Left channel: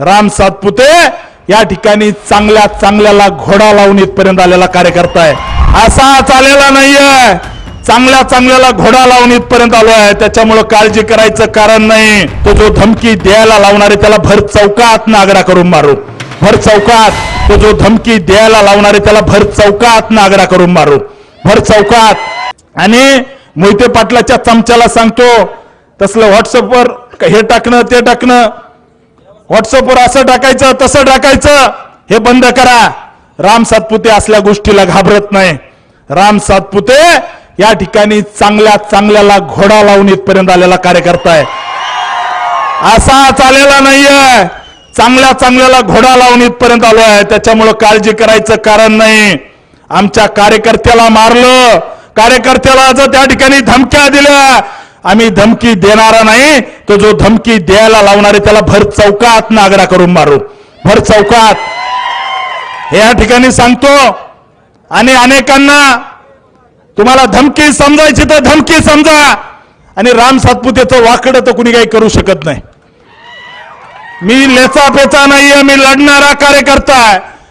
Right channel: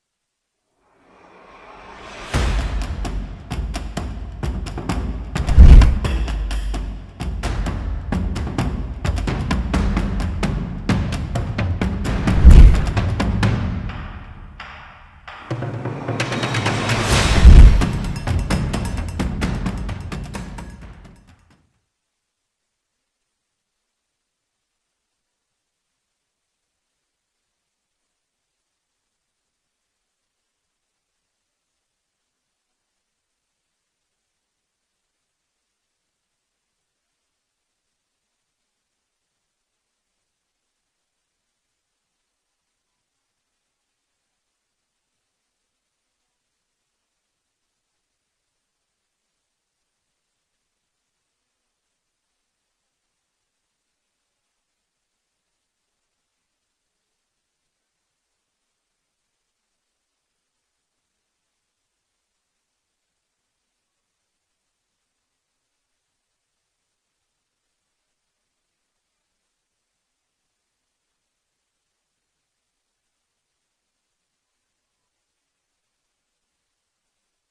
राम सातपुते या ठिकाणी चांगल्या चांगल्याला घोडा लावून इथपर्यंत आलेला कार्यकर्ता आहे. असा चालेला नाहीये. चांगल्या चांगल्याला घोडा लावून इथपर्यंत आलो आहे त्याच्यामुळे काळजी करायचं कारण नाही. तो जो धमकी द्यायला लावणारे त्याला भर चौकात नागडा करून मारू. भर चौकात. तो जो धमकी द्यायला लावणारे त्याला भर चौकात नागडा करून मारू. भर चौकात. आणि मोहिते पाटलाच्या चमच्याला सांगतो तसलं व्हॉट्सअपवर हे टाकणं ते टाकणं. व्हॉट्सअपवर असं टाकायचं तसं टाकायचं हे बंद करा. राम सातपुते असल्या गोष्टीला घाबरत नाही. राम सातपुते या ठिकाणी चांगल्या चांगल्याला घोडा लावून इथपर्यंत आलेला कार्यकर्ता आहे. असा चालेला नाहीये. चांगल्या चांगल्याला घोडा लावून इथपर्यंत आलो आहे त्याच्यामुळं काळजी करायचं कारण नाही. आमच्या कार्यकर्त्याला मारलं. कार्यकर्त्याला जर त्या ठिकाणी धमक्या दिल्या. आम्ही धमकी देणारा नाही तो जो धमकी द्यायला लावणारे त्याला भर चौकात नागडा करून मारू. भर चौकात. या ठिकाणी सांगतो. आणि अनेकांना तुम्हाला धमकी समजायची तर धमकी समजा. आणि राम सातपुतेचं वाकडं तर कुणी काही करू शकत नाही. मी लेचा पेचा नाहीये मी लढणारा कार्यकर्ता आहे.